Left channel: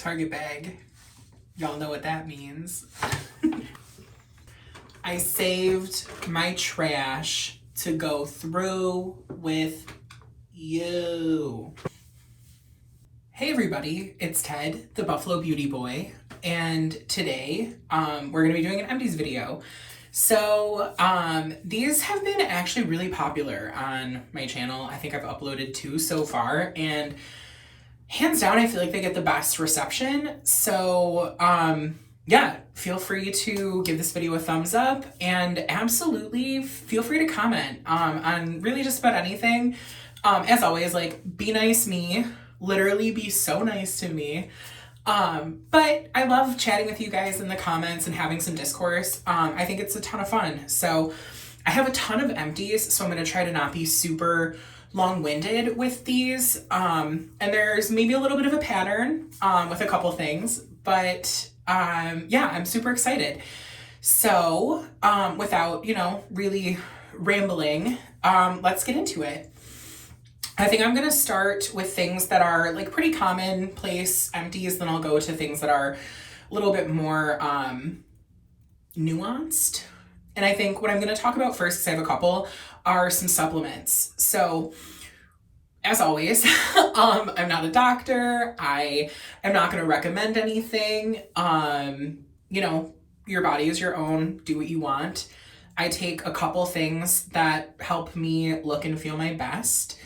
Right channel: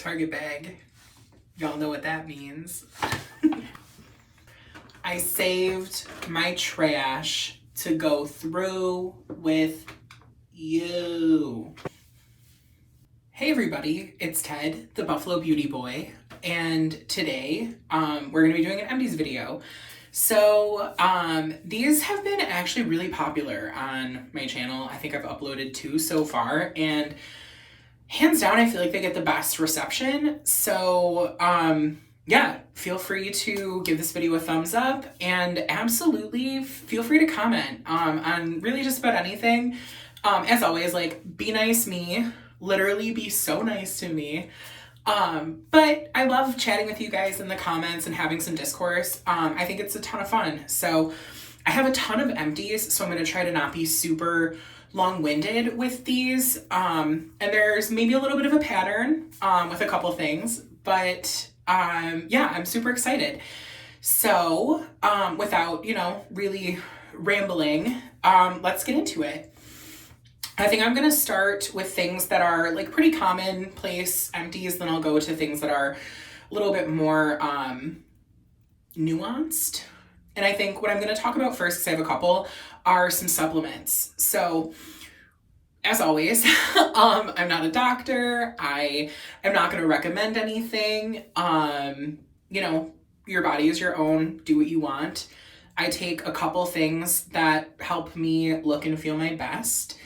Target bag. Y'all know what that means. I saved my trash to go through with you. Hey everybody, it's Ted, the Buffalo Beauty Boy, and today we're gonna be doing an EMPTIES video. So these have been actually really popular on my channel. I think I've uploaded 2 so far, and hands down, I feel like they get the best reception. So yeah, feel free to give this video a thumbs up, and absolutely feel free to comment on really just about anything. As always, like, be nice me, literally be so nice to me. But I love chatting with you guys in the comments and having some discourse. I think it's a ton of fun. So I have a ton of EMPTIES, so I'm going to try to not be super long-winded with these. And there's maybe a little bit of a pattern with a couple things, but yeah, I'm super excited. So without, really rambling, let's get into it. I think I'm gonna start with things that are like pretty commonplace EMPTIES, then I'll go to things that are a little bit more nuanced. And I think what I'm gonna talk about first, because I have a couple, are some supplements. So as always, I'm not a doctor. I am not gonna recommend anything. Your body is your own, do what you want. I take a couple things that help me look and feel my best.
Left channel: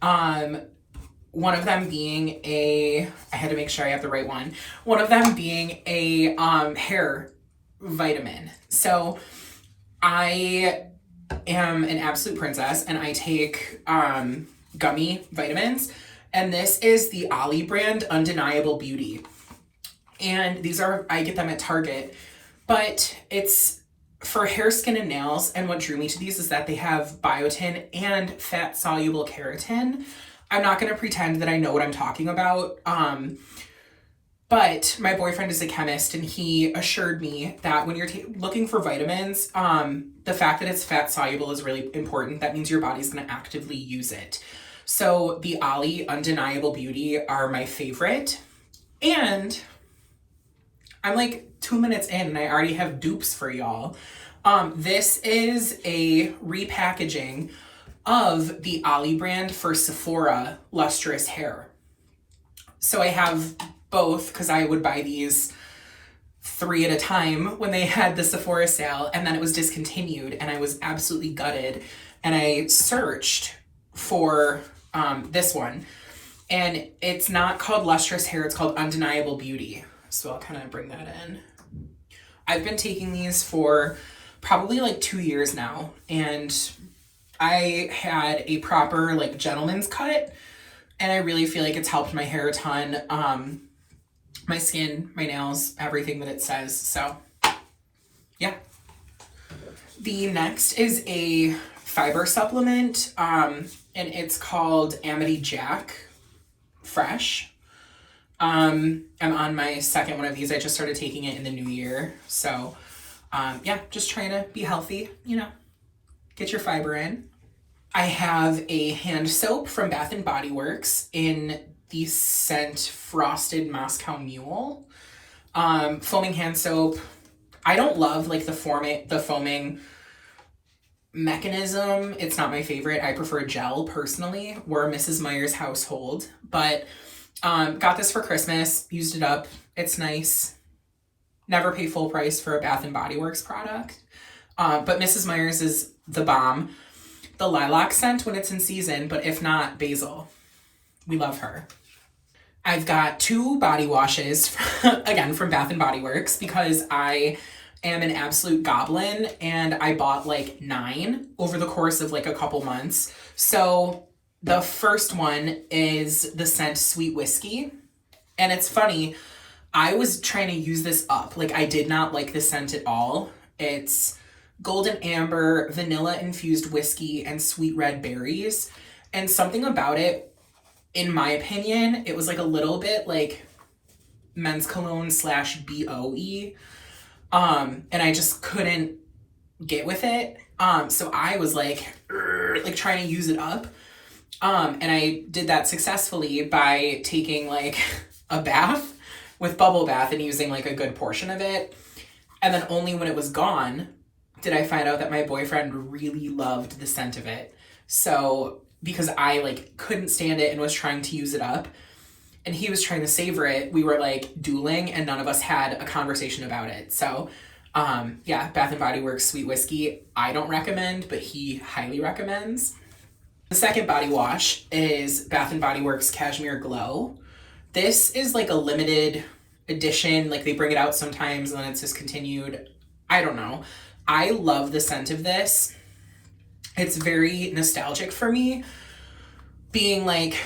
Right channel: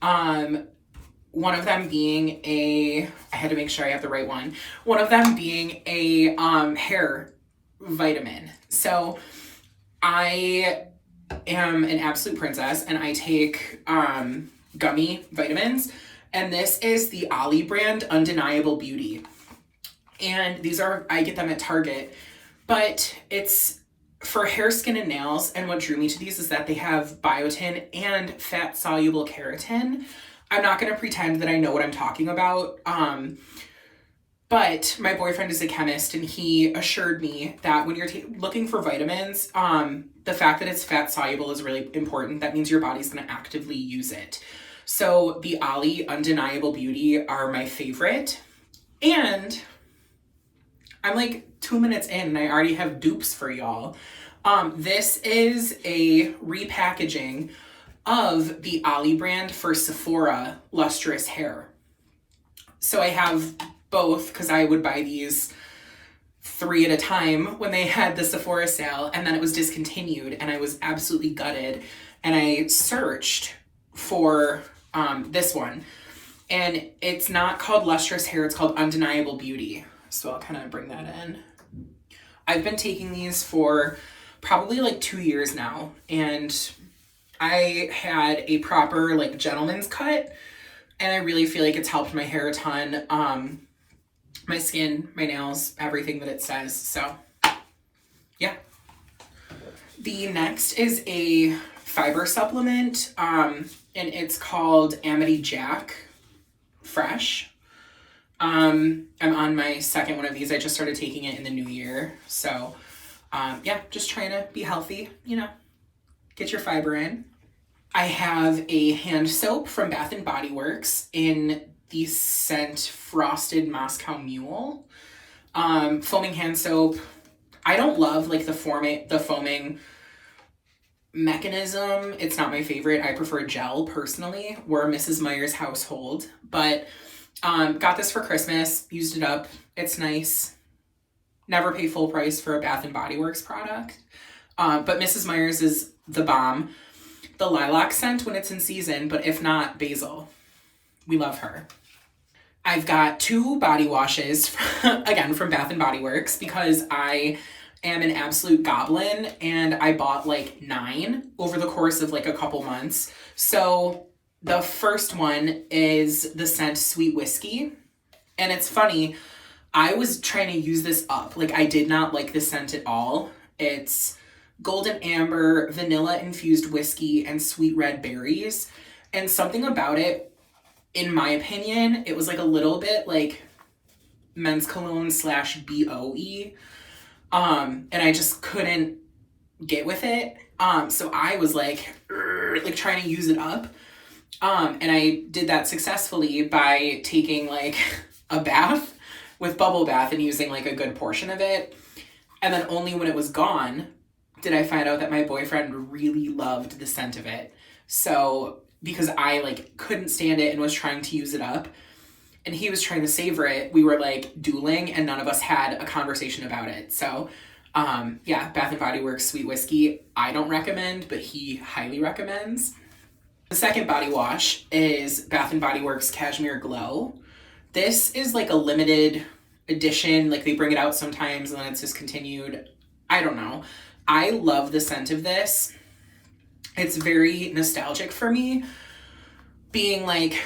One of them being I had to make sure I have the right one. One of them being a hair vitamin. So I am an absolute princess and I take gummy vitamins, and this is the Ollie brand Undeniable Beauty. And I get them at Target, but it's for hair, skin, and nails. And what drew me to these is that they have biotin and fat-soluble keratin. I'm not going to pretend that I know what I'm talking about. But my boyfriend is a chemist, and he assured me that when you're looking for vitamins, the fact that it's fat-soluble is really important. That means your body's going to actively use it. So the Ollie Undeniable Beauty are my favorite. And I'm like 2 minutes in and I already have dupes for y'all. This is a repackaging of the Ollie brand for Sephora lustrous hair. So I have both because I would buy these 3 at a time when they had the Sephora sale, and then it was discontinued and I was absolutely gutted, and I searched for this one, and it's not called lustrous hair, it's called Undeniable Beauty. So I'll kind of bring that in. I've been taking these for probably like 2 years now, and I had a proper like gentleman's cut, and I really feel like it's helped my hair a ton, my skin, my nails, everything that it says. So yeah. The next is a fiber supplement, and it's called Amity Jack Fresh. I'm on my second one of these. I just started taking it in the new year. So, yeah, just trying to be healthy, get your fiber in. I have a hand soap from Bath & Body Works in the scent Frosted Moscow Mule. Foaming hand soap. I don't love like the foaming mechanism. It's not my favorite. I prefer gel personally. We're a Mrs. Meyer's household, but got this for Christmas, used it up. It's nice. Never pay full price for a Bath & Body Works product. But Mrs. Meyer's is the bomb. The lilac scent when it's in season, but if not, basil. We love her. I've got 2 body washes, again, from Bath & Body Works, because I am an absolute goblin, and I bought like 9 over the course of like a couple months. So the first one is the scent Sweet Whiskey. And it's funny, I was trying to use this up. Like, I did not like the scent at all. It's golden amber, vanilla infused whiskey, and sweet red berries. And something about it, in my opinion, it was like a little bit like men's cologne / BOE. And I just couldn't get with it. So I was like trying to use it up. And I did that successfully by taking like a bath with bubble bath and using like a good portion of it. And then only when it was gone did I find out that my boyfriend really loved the scent of it. So because I like couldn't stand it and was trying to use it up and he was trying to savor it, we were like dueling and none of us had a conversation about it. So yeah, Bath and Body Works Sweet Whiskey, I don't recommend, but he highly recommends. The second body wash is Bath and Body Works Cashmere Glow. This is like a limited edition, like they bring it out sometimes and then it's discontinued. I don't know. I love the scent of this. It's very nostalgic for me. Being like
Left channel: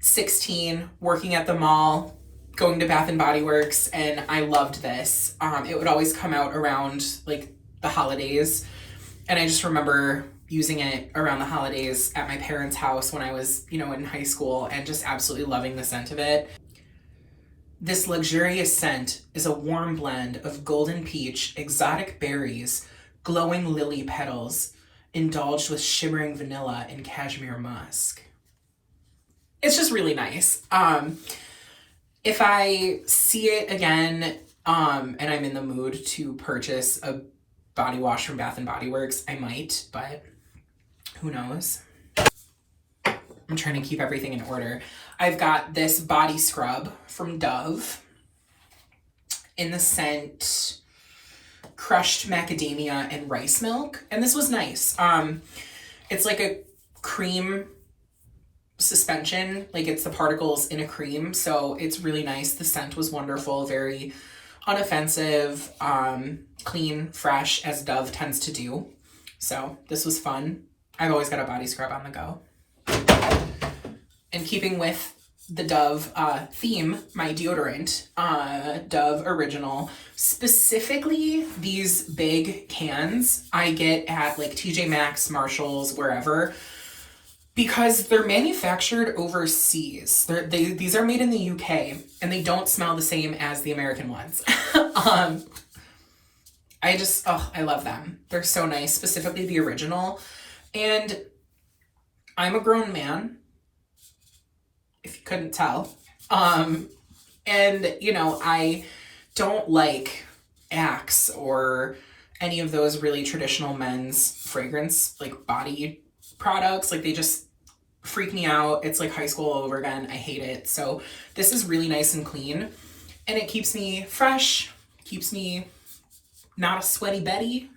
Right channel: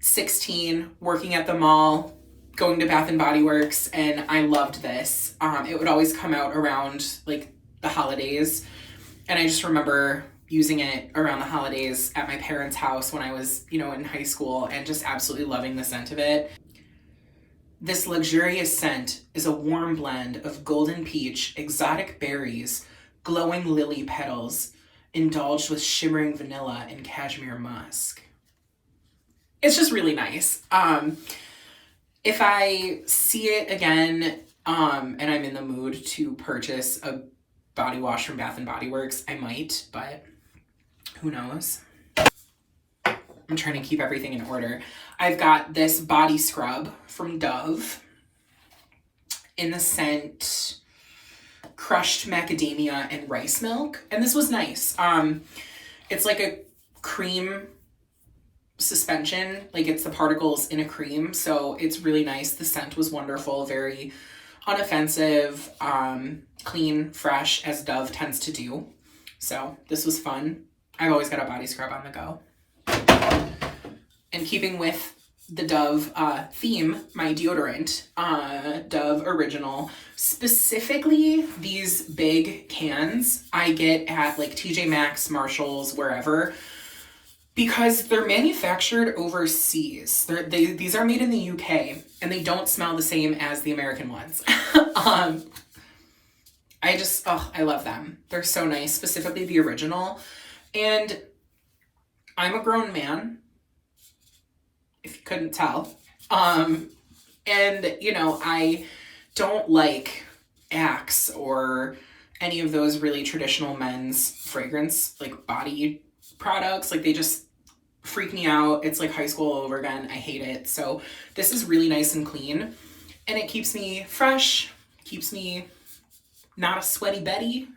16, working at the mall, going to Bath and Body Works, and I loved this. It would always come out around like the holidays. And I just remember using it around the holidays at my parents' house when I was, you know, in high school and just absolutely loving the scent of it. This luxurious scent is a warm blend of golden peach, exotic berries, glowing lily petals, indulged with shimmering vanilla and cashmere musk. It's just really nice. If I see it again, and I'm in the mood to purchase a body wash from Bath and Body Works, I might, but who knows? I'm trying to keep everything in order. I've got this body scrub from Dove in the scent Crushed Macadamia and Rice Milk. And this was nice. It's like a cream suspension, like it's the particles in a cream. So it's really nice. The scent was wonderful, very unoffensive, clean, fresh, as Dove tends to do. So this was fun. I've always got a body scrub on the go. And keeping with the Dove theme, my deodorant, Dove Original, specifically these big cans I get at like TJ Maxx, Marshalls, wherever, because they're manufactured overseas. These are made in the UK and they don't smell the same as the American ones. I love them. They're so nice, specifically the original. And I'm a grown man, if you couldn't tell. And, you know, I don't like Axe or any of those really traditional men's fragrance, like body products. Like they just freak me out. It's like high school all over again. I hate it. So this is really nice and clean and it keeps me fresh, keeps me not a sweaty Betty.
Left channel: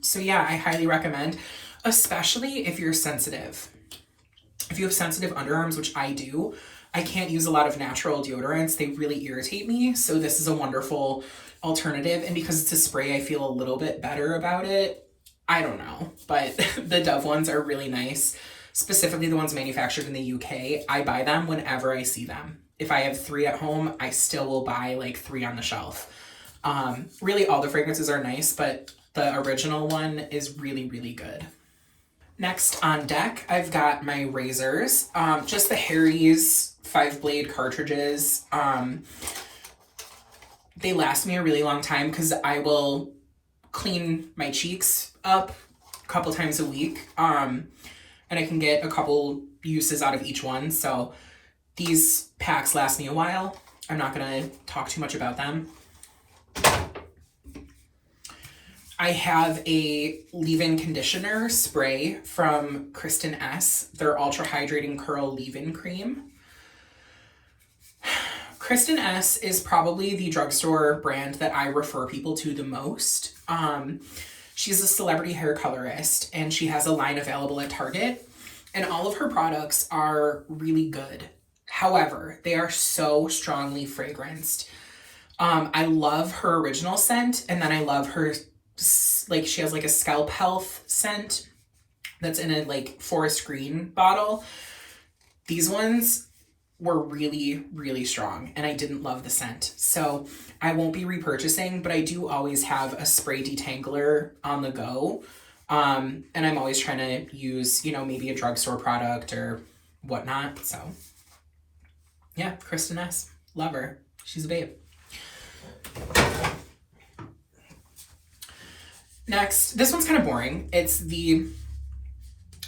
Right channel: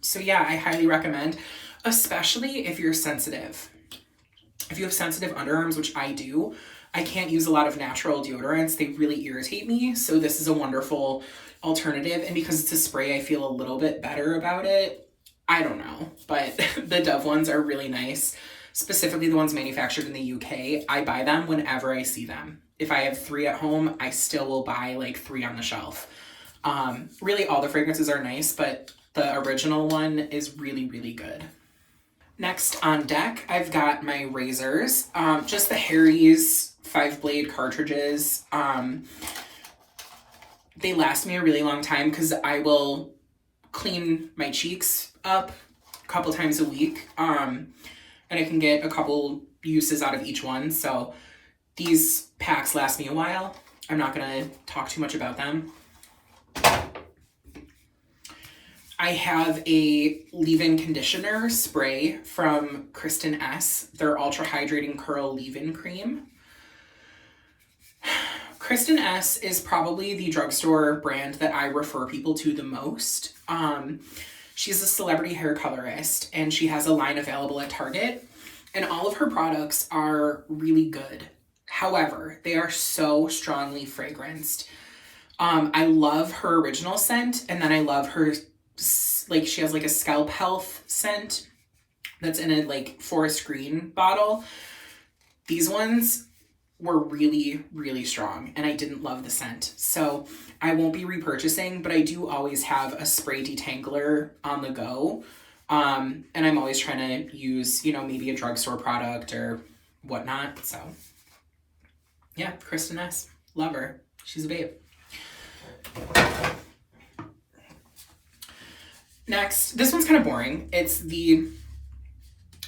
So yeah, I highly recommend, especially if you're sensitive. If you have sensitive underarms, which I do, I can't use a lot of natural deodorants. They really irritate me. So this is a wonderful alternative. And because it's a spray, I feel a little bit better about it. I don't know, but the Dove ones are really nice, specifically the ones manufactured in the UK. I buy them whenever I see them. If I have 3 at home, I still will buy like 3 on the shelf. Really all the fragrances are nice, but the original one is really, really good. Next on deck, I've got my razors, just the Harry's 5-blade cartridges. They last me a really long time because I will clean my cheeks up a couple times a week, and I can get a couple uses out of each one. So these packs last me a while. I'm not going to talk too much about them. I have a leave-in conditioner spray from Kristen S. Their Ultra Hydrating Curl Leave-In Cream. Kristen S. is probably the drugstore brand that I refer people to the most. She's a celebrity hair colorist and she has a line available at Target and all of her products are really good. However, they are so strongly fragranced. I love her original scent and then I love her, like she has like a scalp health scent that's in a like forest green bottle. These ones were really, really strong and I didn't love the scent. So I won't be repurchasing, but I do always have a spray detangler on the go. And I'm always trying to use, you know, maybe a drugstore product or whatnot. So yeah, Kristen S. Love her. She's a babe. Next, this one's kind of boring. It's the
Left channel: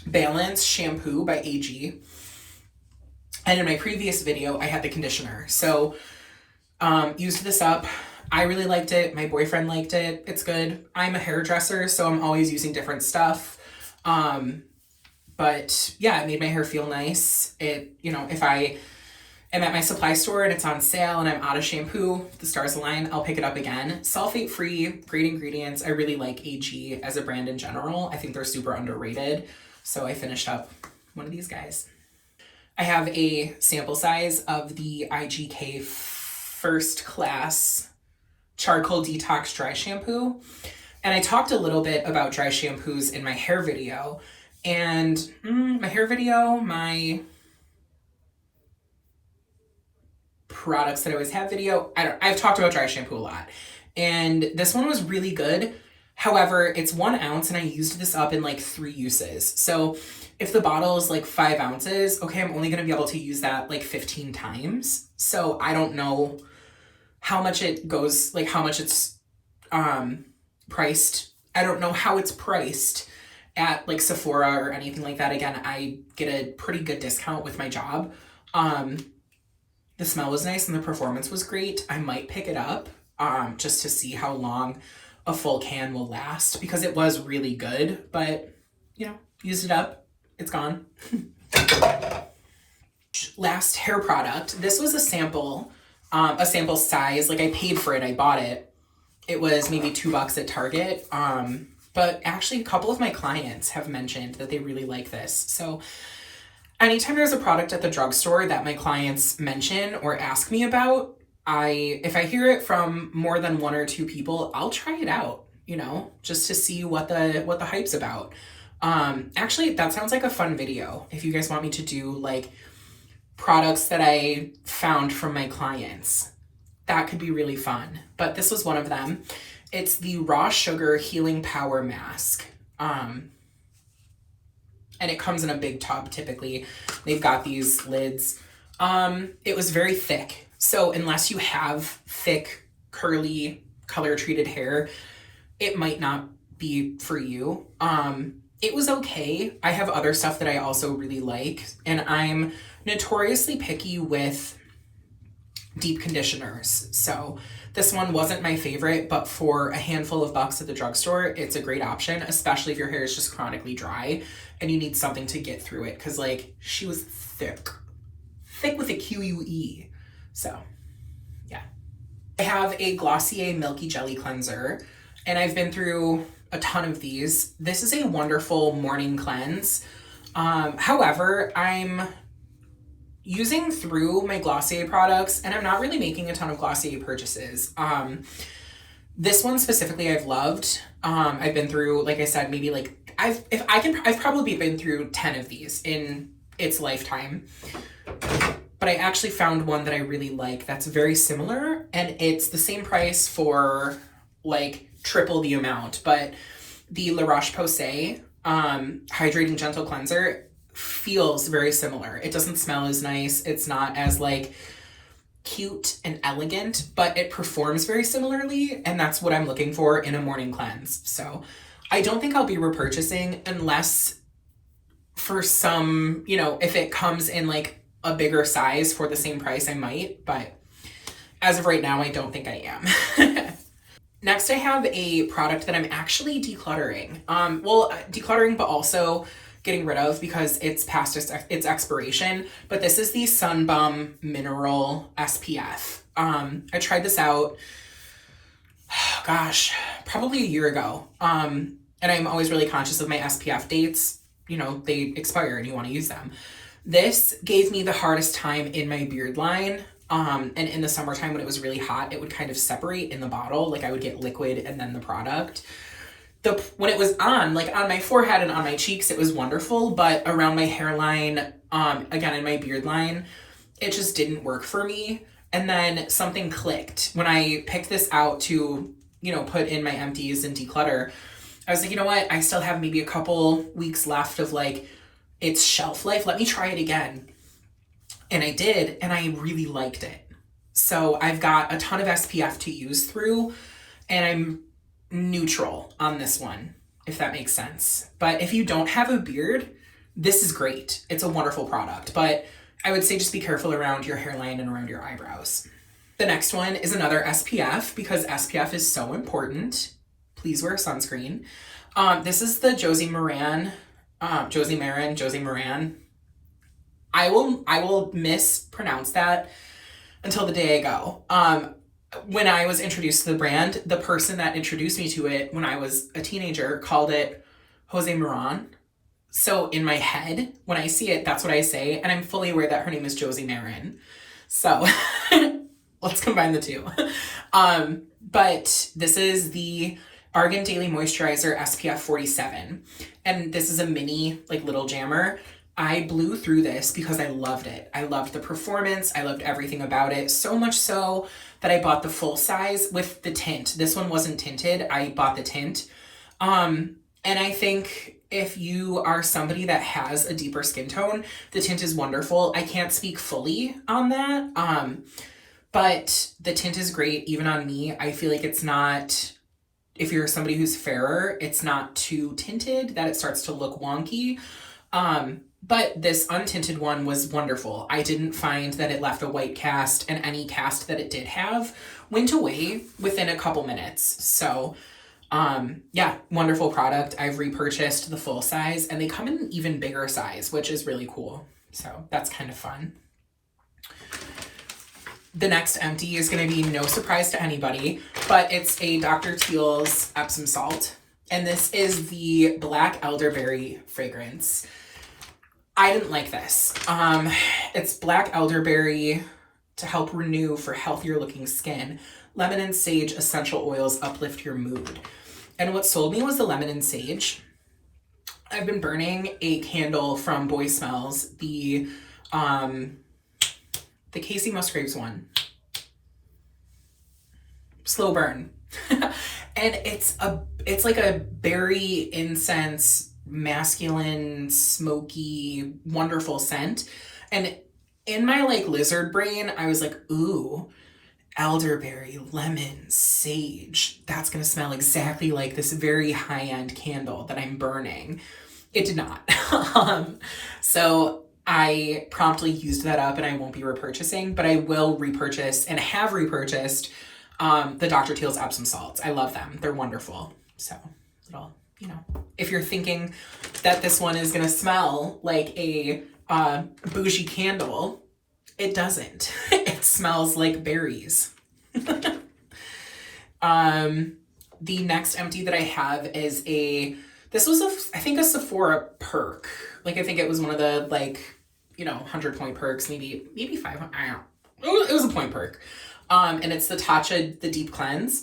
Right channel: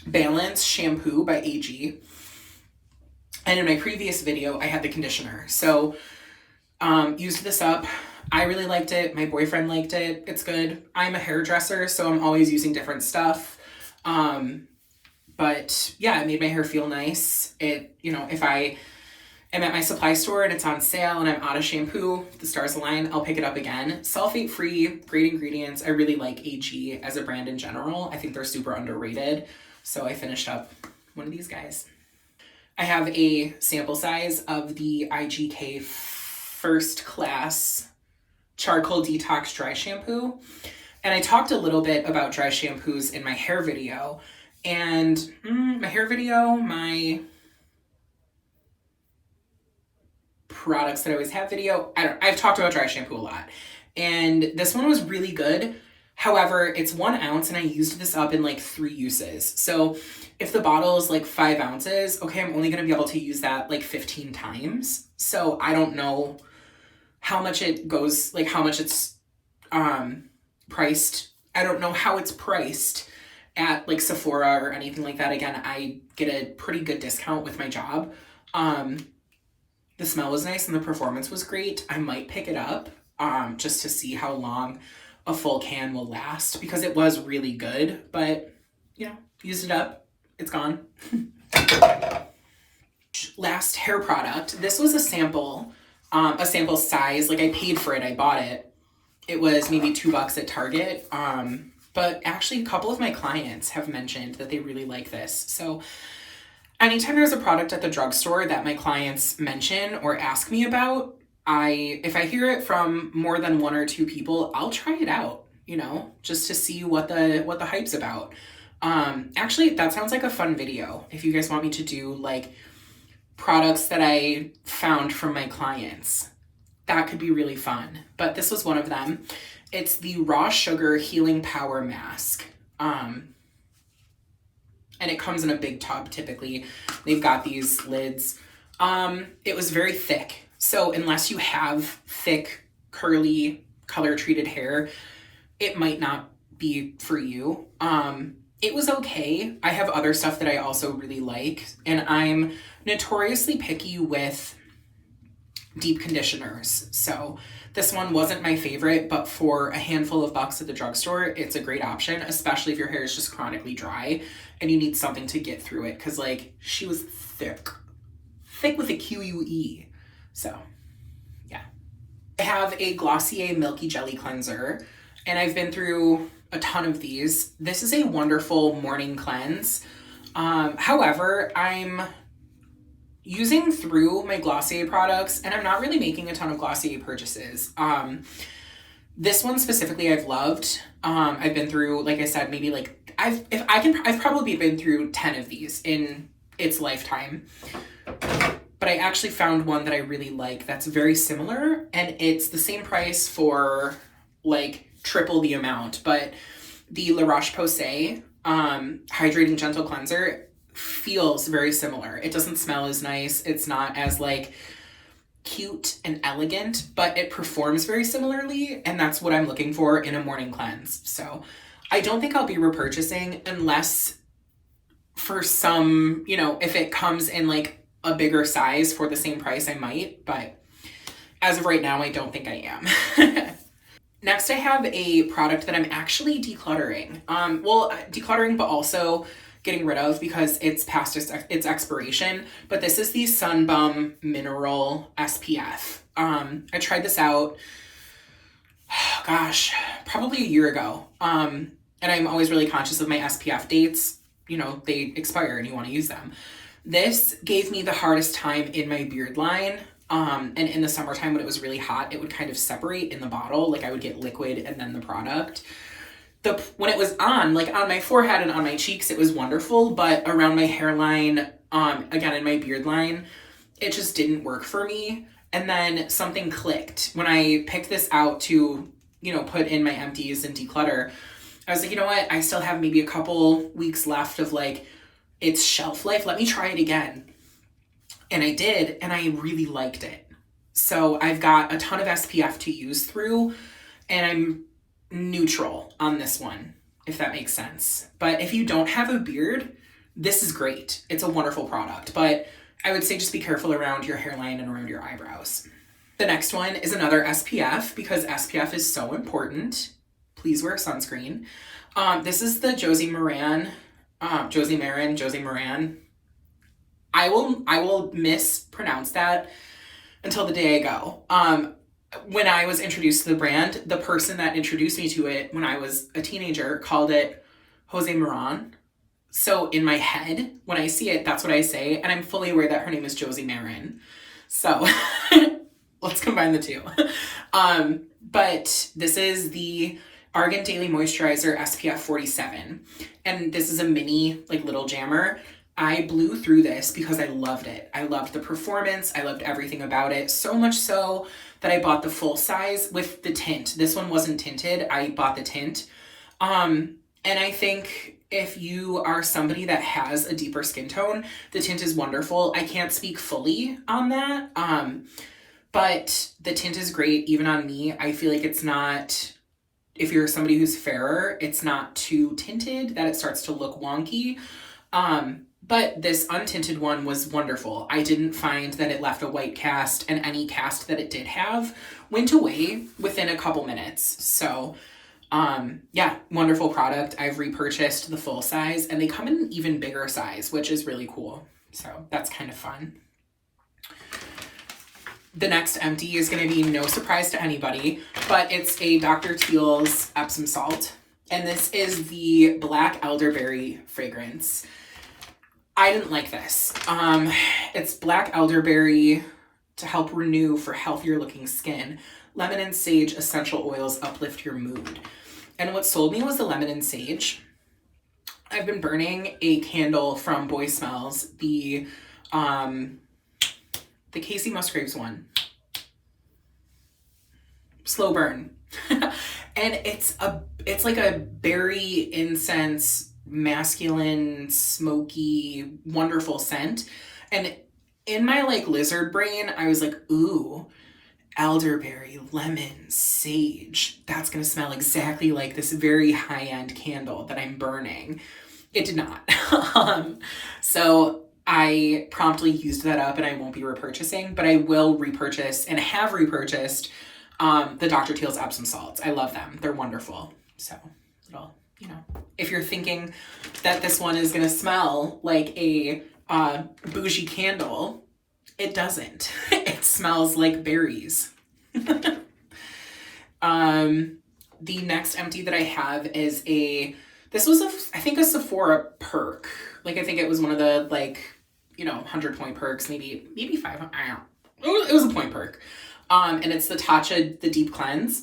Balance Shampoo by AG. And in my previous video, I had the conditioner. So Used this up. I really liked it. My boyfriend liked it. It's good. I'm a hairdresser, so I'm always using different stuff. But yeah, it made my hair feel nice. It, you know, if I am at my supply store and it's on sale and I'm out of shampoo, the stars align, I'll pick it up again. Sulfate free, great ingredients. I really like AG as a brand in general. I think they're super underrated. So I finished up one of these guys. I have a sample size of the IGK First Class Charcoal Detox Dry Shampoo. And I talked a little bit about dry shampoos in my hair video. And my products that I always have video, I've talked about dry shampoo a lot. And this one was really good. However, it's 1 ounce and I used this up in like 3 uses. So if the bottle is like 5 ounces, okay, I'm only going to be able to use that like 15 times. So I don't know how much it goes, like how much it's priced. I don't know how it's priced at like Sephora or anything like that. Again, I get a pretty good discount with my job. The smell was nice and the performance was great. I might pick it up just to see how long a full can will last because it was really good, but you know, used it up, it's gone. Last hair product. This was a sample size. Like I paid for it, I bought it. It was maybe $2 at Target. But actually a couple of my clients have mentioned that they really like this. So anytime there's a product at the drugstore that my clients mention or ask me about, if I hear it from more than 1 or 2 people, I'll try it out, you know, just to see what the hype's about. Actually, that sounds like a fun video. If you guys want me to do like products that I found from my clients, that could be really fun. But this was one of them. It's the Raw Sugar Healing Power Mask. And it comes in a big tub typically. They've got these lids. It was very thick. So unless you have thick, curly, color-treated hair, it might not be for you. It was okay. I have other stuff that I also really like. And I'm notoriously picky with deep conditioners. So this one wasn't my favorite, but for a handful of bucks at the drugstore, it's a great option, especially if your hair is just chronically dry and you need something to get through it. Cause like she was thick with a QUE. So yeah. I have a Glossier Milky Jelly Cleanser and I've been through a ton of these. This is a wonderful morning cleanse. However, I'm using through my Glossier products and I'm not really making a ton of Glossier purchases. This one specifically I've loved. I've been through, like I said, maybe like I've probably been through 10 of these in its lifetime. But I actually found one that I really like that's very similar and it's the same price for like triple the amount. But the La Roche-Posay Hydrating Gentle Cleanser feels very similar. It doesn't smell as nice. It's not as like cute and elegant, but it performs very similarly. And that's what I'm looking for in a morning cleanse. So I don't think I'll be repurchasing unless for some, you know, if it comes in like a bigger size for the same price, I might, but as of right now, I don't think I am. Next, I have a product that I'm actually decluttering. Decluttering, but also getting rid of because it's past its expiration. But this is the Sun Bum Mineral SPF. I tried this out, gosh, probably a year ago. And I'm always really conscious of my SPF dates. You know, they expire and you want to use them. This gave me the hardest time in my beard line. And in the summertime when it was really hot, it would kind of separate in the bottle. Like I would get liquid and then the product. When it was on, like on my forehead and on my cheeks, it was wonderful. But around my hairline, again, in my beard line, it just didn't work for me. And then something clicked when I picked this out to, you know, put in my empties and declutter. I was like, you know what? I still have maybe a couple weeks left of like its shelf life. Let me try it again. And I did, and I really liked it. So I've got a ton of SPF to use through, and I'm neutral on this one, if that makes sense. But if you don't have a beard, this is great. It's a wonderful product, but I would say just be careful around your hairline and around your eyebrows. The next one is another SPF because SPF is so important. Please wear sunscreen. This is the Josie Maran. I will mispronounce that until the day I go. When I was introduced to the brand, the person that introduced me to it when I was a teenager called it Jose Maran. So in my head, when I see it, that's what I say. And I'm fully aware that her name is Josie Maran. So let's combine the two. But this is the Argan Daily Moisturizer SPF 47. And this is a mini, like, little jammer. I blew through this because I loved it. I loved the performance. I loved everything about it. So much so that I bought the full size with the tint. This one wasn't tinted. I bought the tint. And I think if you are somebody that has a deeper skin tone, the tint is wonderful. I can't speak fully on that. But the tint is great even on me. I feel like it's not, if you're somebody who's fairer, it's not too tinted that it starts to look wonky. But this untinted one was wonderful. I didn't find that it left a white cast, and any cast that it did have went away within a couple minutes. So, yeah, wonderful product. I've repurchased the full size, and they come in an even bigger size, which is really cool. So that's kind of fun. The next empty is going to be no surprise to anybody, but it's a Dr. Teal's Epsom salt. And this is the Black Elderberry fragrance. I didn't like this. It's black elderberry to help renew for healthier looking skin. Lemon and sage essential oils uplift your mood. And what sold me was the lemon and sage. I've been burning a candle from Boy Smells, the Casey Musgraves one. Slow burn. And it's like a berry incense, masculine, smoky, wonderful scent. And in my like lizard brain, I was like, ooh, elderberry, lemon, sage. That's going to smell exactly like this very high-end candle that I'm burning. It did not. So I promptly used that up and I won't be repurchasing, but I will repurchase and have repurchased the Dr. Teal's Epsom salts. I love them. They're wonderful. So little, if you're thinking that this one is going to smell like a bougie candle, it doesn't. It smells like berries. The next empty that I have is this was I think a Sephora perk. Like, I think it was one of the 100 point perks, maybe 500. I don't know. It was a point perk. And it's the Tatcha, the Deep Cleanse.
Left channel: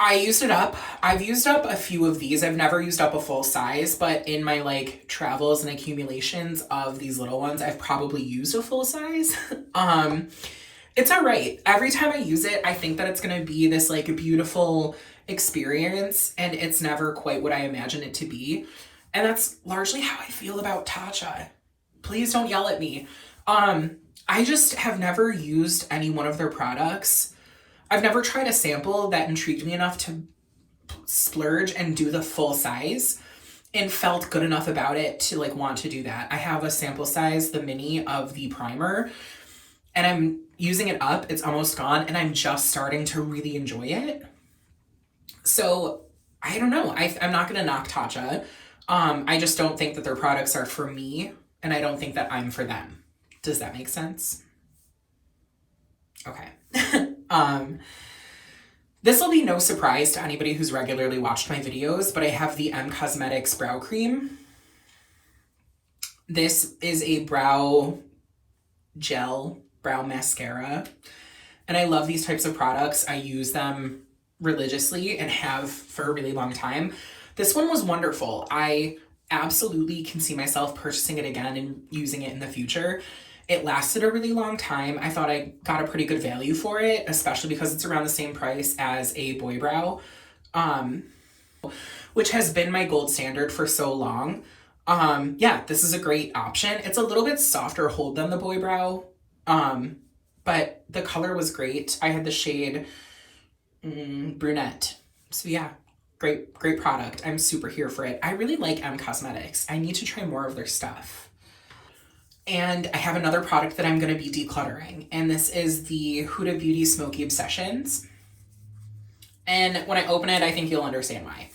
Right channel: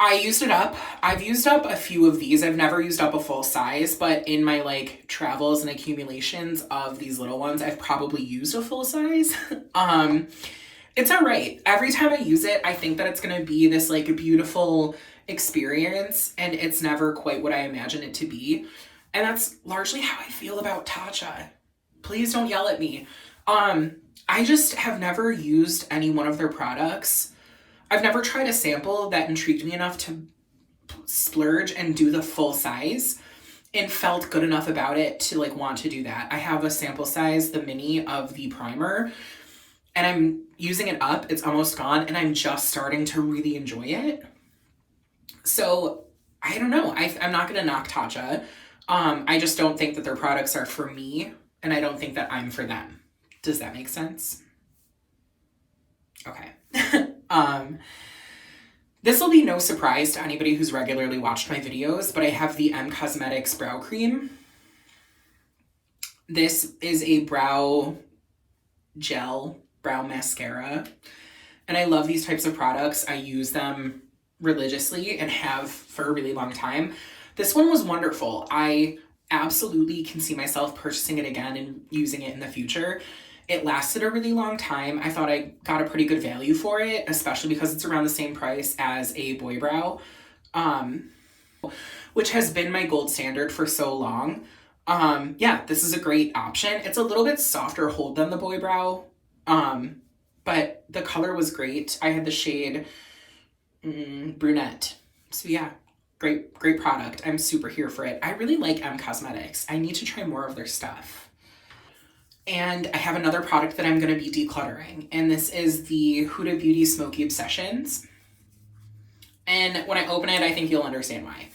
I used it up. I've used up a few of these. I've never used up a full size, but in my travels and accumulations of these little ones, I've probably used a full size. It's all right. Every time I use it, I think that it's going to be this beautiful experience, and it's never quite what I imagine it to be. And that's largely how I feel about Tatcha. Please don't yell at me. I just have never used any one of their products. I've never tried a sample that intrigued me enough to splurge and do the full size and felt good enough about it to want to do that. I have a sample size, the mini of the primer, and I'm using it up. It's almost gone, and I'm just starting to really enjoy it. So I don't know. I'm not going to knock Tatcha. I just don't think that their products are for me, and I don't think that I'm for them. Does that make sense? Okay. This will be no surprise to anybody who's regularly watched my videos, but I have the M Cosmetics Brow Cream. This is a brow gel, brow mascara, and I love these types of products. I use them religiously and have for a really long time. This one was wonderful. I absolutely can see myself purchasing it again and using it in the future. It lasted a really long time. I thought I got a pretty good value for it, especially because it's around the same price as a Boy Brow, which has been my gold standard for so long. Yeah, this is a great option. It's a little bit softer hold than the Boy Brow, but the color was great. I had the shade brunette. So yeah, great product. I'm super here for it. I really like M Cosmetics. I need to try more of their stuff. And I have another product that I'm going to be decluttering. And this is the Huda Beauty Smoky Obsessions. And when I open it, I think you'll understand why.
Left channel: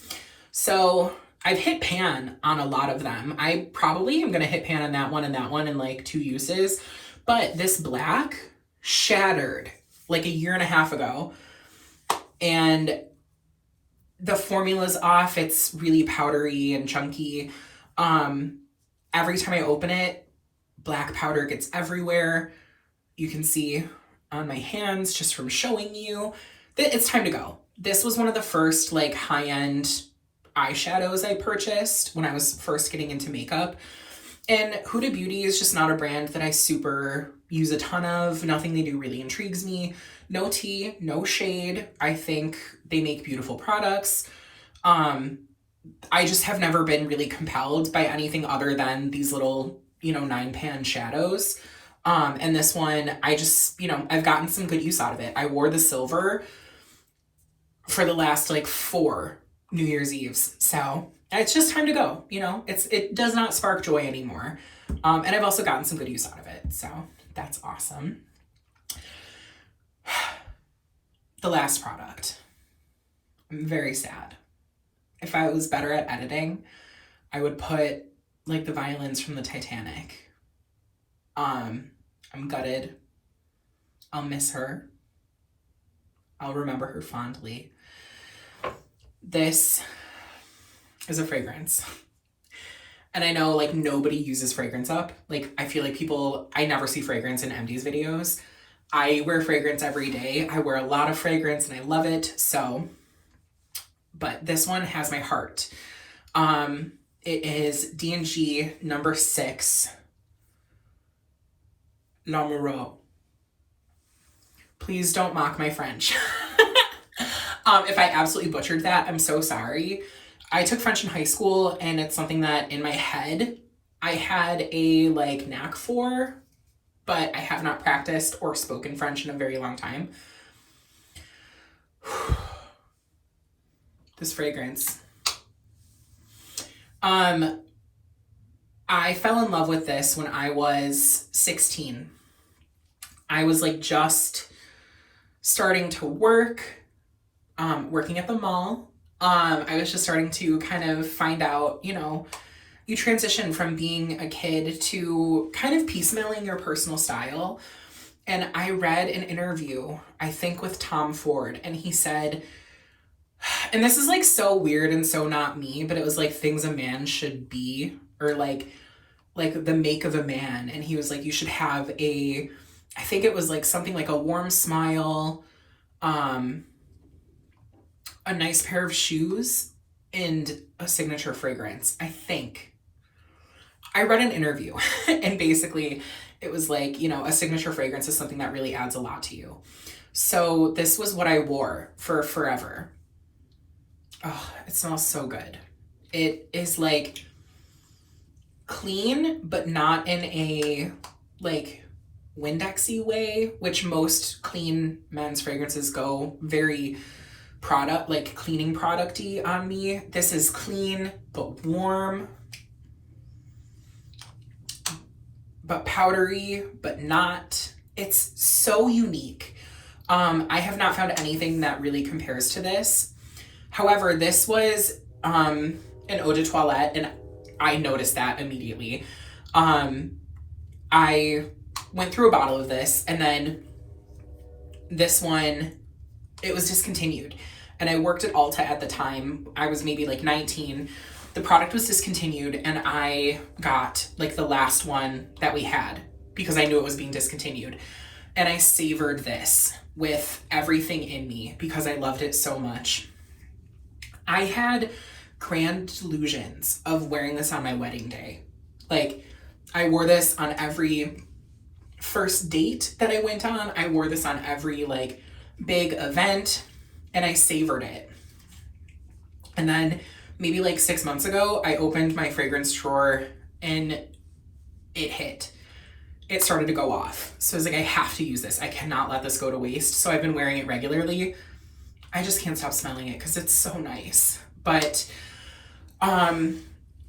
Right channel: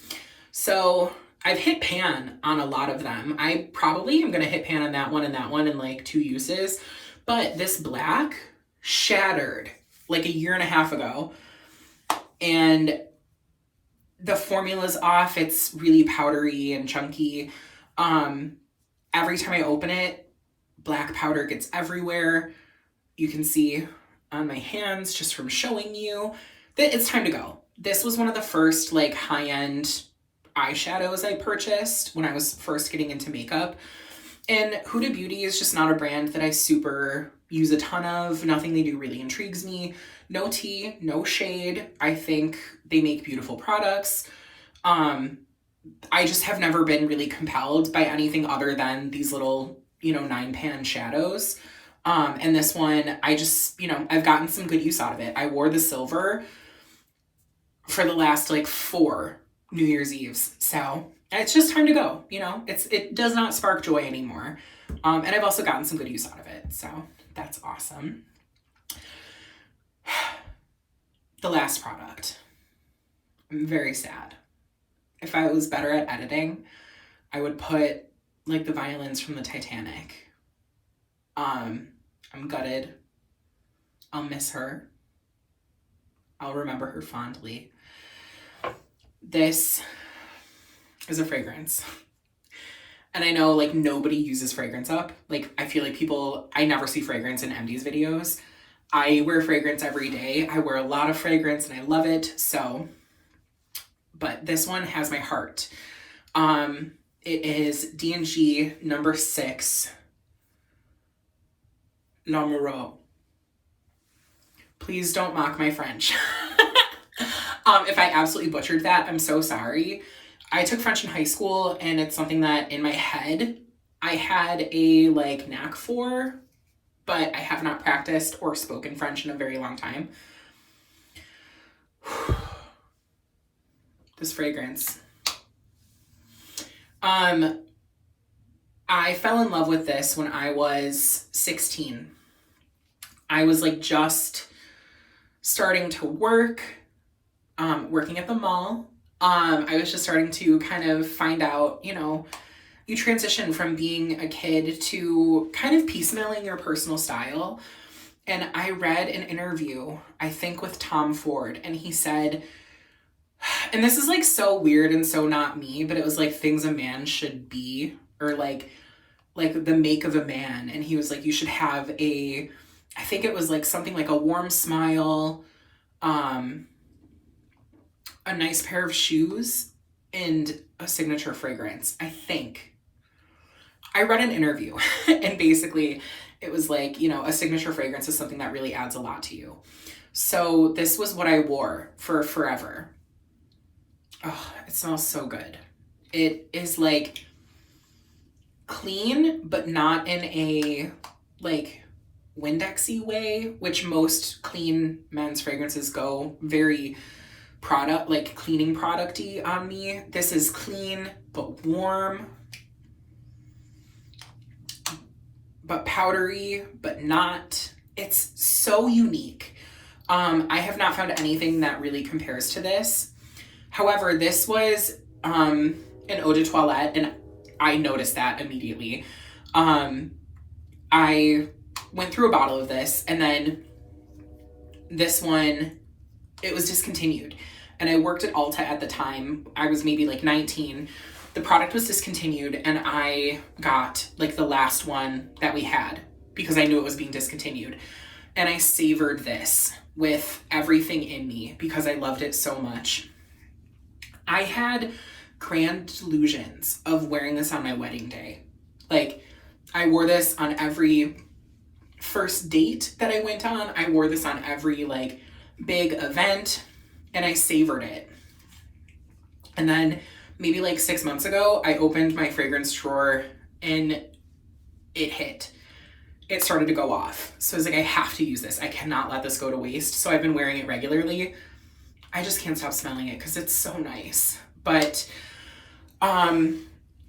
So I've hit pan on a lot of them. I probably am going to hit pan on that one and that one in like 2 uses. But this black shattered like a year and a half ago. And the formula's off. It's really powdery and chunky. Every time I open it, black powder gets everywhere. You can see on my hands just from showing you that it's time to go. This was one of the first like high-end eyeshadows I purchased when I was first getting into makeup. And Huda Beauty is just not a brand that I super use a ton of. Nothing they do really intrigues me. No tea, no shade. I think they make beautiful products. I just have never been really compelled by anything other than these little, 9-pan shadows. And this one, I just, I've gotten some good use out of it. I wore the silver for the last like 4 New Year's Eves. So it's just time to go. It does not spark joy anymore. And I've also gotten some good use out of it. So that's awesome. The last product. I'm very sad. If I was better at editing, I would put like the violins from the Titanic. I'm gutted. I'll miss her. I'll remember her fondly. This is a fragrance. And I know like nobody uses fragrance up. Like I feel like I never see fragrance in MD's videos. I wear fragrance every day. I wear a lot of fragrance and I love it. So, but this one has my heart. It is D&G number 6, L'Amoureux. Please don't mock my French. If I absolutely butchered that, I'm so sorry. I took French in high school and it's something that in my head I had a like knack for, but I have not practiced or spoken French in a very long time. This fragrance. I fell in love with this when I was 16. I was like just starting to work, working at the mall. I was just starting to kind of find out, you transition from being a kid to kind of piecemealing your personal style. And I read an interview, I think with Tom Ford, and he said, and this is like so weird and so not me, but it was like things a man should be, or like the make of a man. And he was like, you should have I think it was like something like a warm smile, a nice pair of shoes, and a signature fragrance, I think. I read an interview and basically it was like, a signature fragrance is something that really adds a lot to you. So this was what I wore for forever. Oh, it smells so good. It is like clean, but not in a like Windexy way, which most clean men's fragrances go very cleaning producty on me. This is clean, but warm, but powdery, but not. It's so unique. I have not found anything that really compares to this. However, this was an eau de toilette, and I noticed that immediately. I went through a bottle of this, and then this one, it was discontinued. And I worked at Ulta at the time. I was maybe like 19. The product was discontinued, and I got like the last one that we had because I knew it was being discontinued. And I savored this with everything in me because I loved it so much. I had grand delusions of wearing this on my wedding day. Like, I wore this on every first date that I went on. I wore this on every like big event, and I savored it. And then maybe like 6 months ago, I opened my fragrance drawer and it hit. It started to go off. So I was like, I have to use this. I cannot let this go to waste. So I've been wearing it regularly. I just can't stop smelling it because it's so nice. But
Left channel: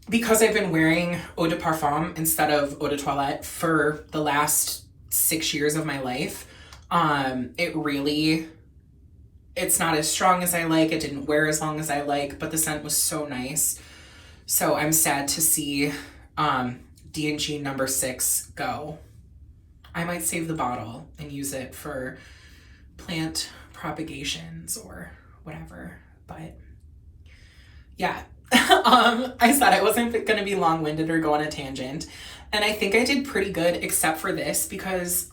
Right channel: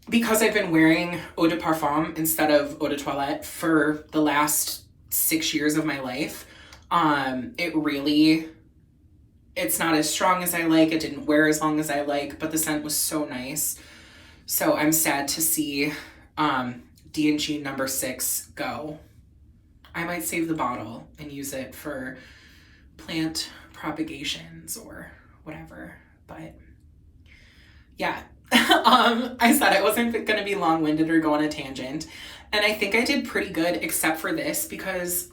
because I've been wearing eau de parfum instead of eau de toilette for the last 6 years of my life, it's not as strong as I like. It didn't wear as long as I like, but the scent was so nice. So I'm sad to see D&G number 6 go. I might save the bottle and use it for plant propagations or whatever. But yeah, I said I wasn't going to be long-winded or go on a tangent. And I think I did pretty good except for this, because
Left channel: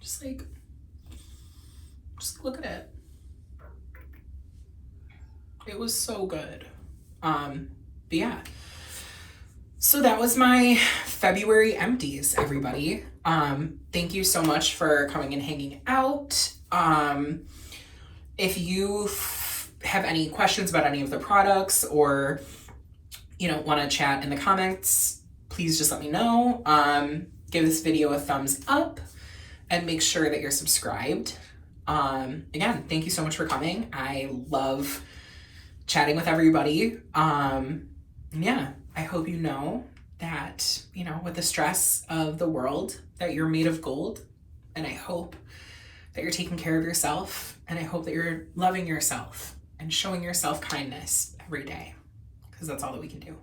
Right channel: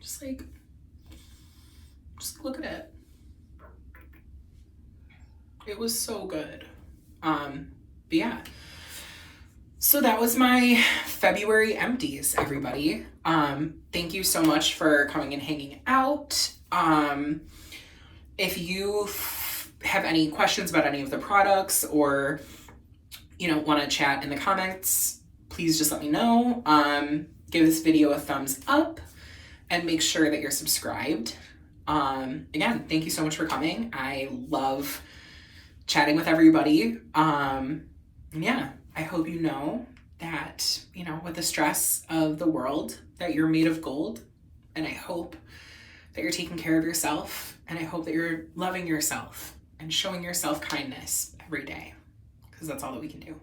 just look at it. It was so good. But yeah. So that was my February empties, everybody. Thank you so much for coming and hanging out. If you have any questions about any of the products, or, want to chat in the comments, please just let me know. Give this video a thumbs up and make sure that you're subscribed. Again, thank you so much for coming. I love chatting with everybody. Yeah, I hope you know that, with the stress of the world, that you're made of gold. And I hope that you're taking care of yourself. And I hope that you're loving yourself and showing yourself kindness every day, because that's all that we can do.